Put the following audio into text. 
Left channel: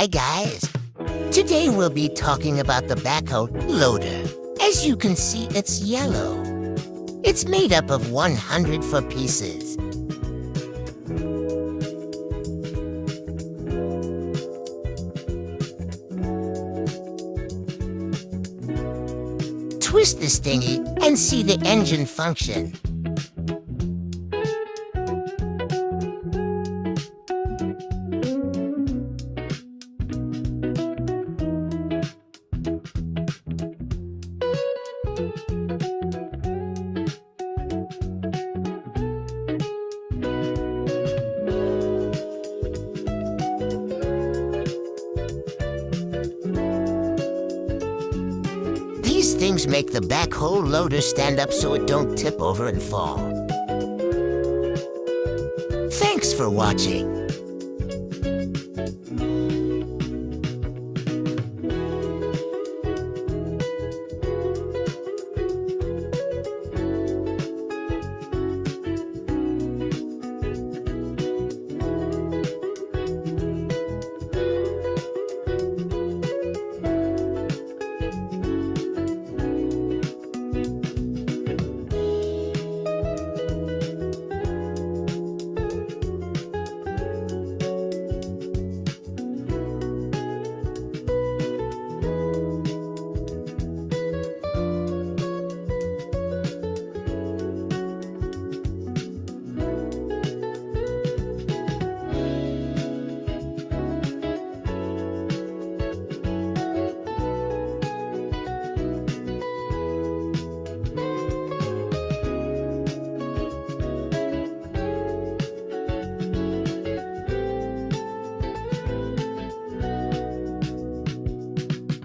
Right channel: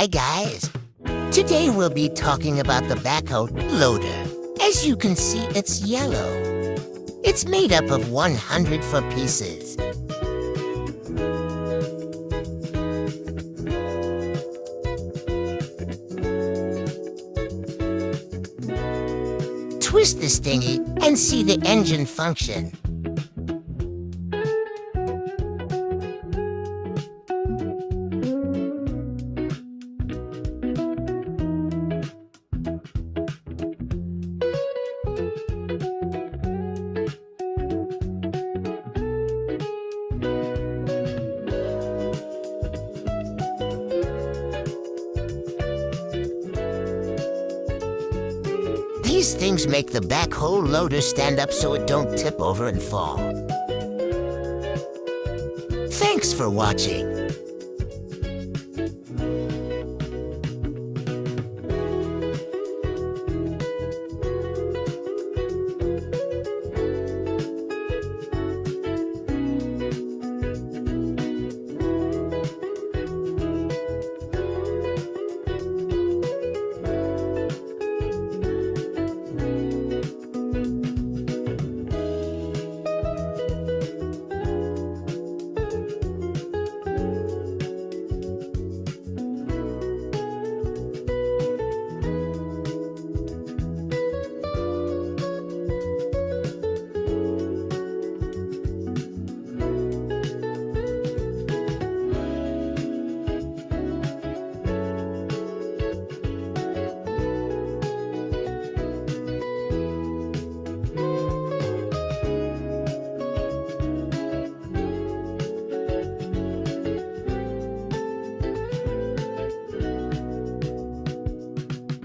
Hi guys! Today we'll be talking about the backhoe loader. As you can see, it's yellow. It's made up of 104 pieces. Twist this thingy and see the engine function. These things make the backhoe loader stand up so it don't tip over and fall. Thanks for watching.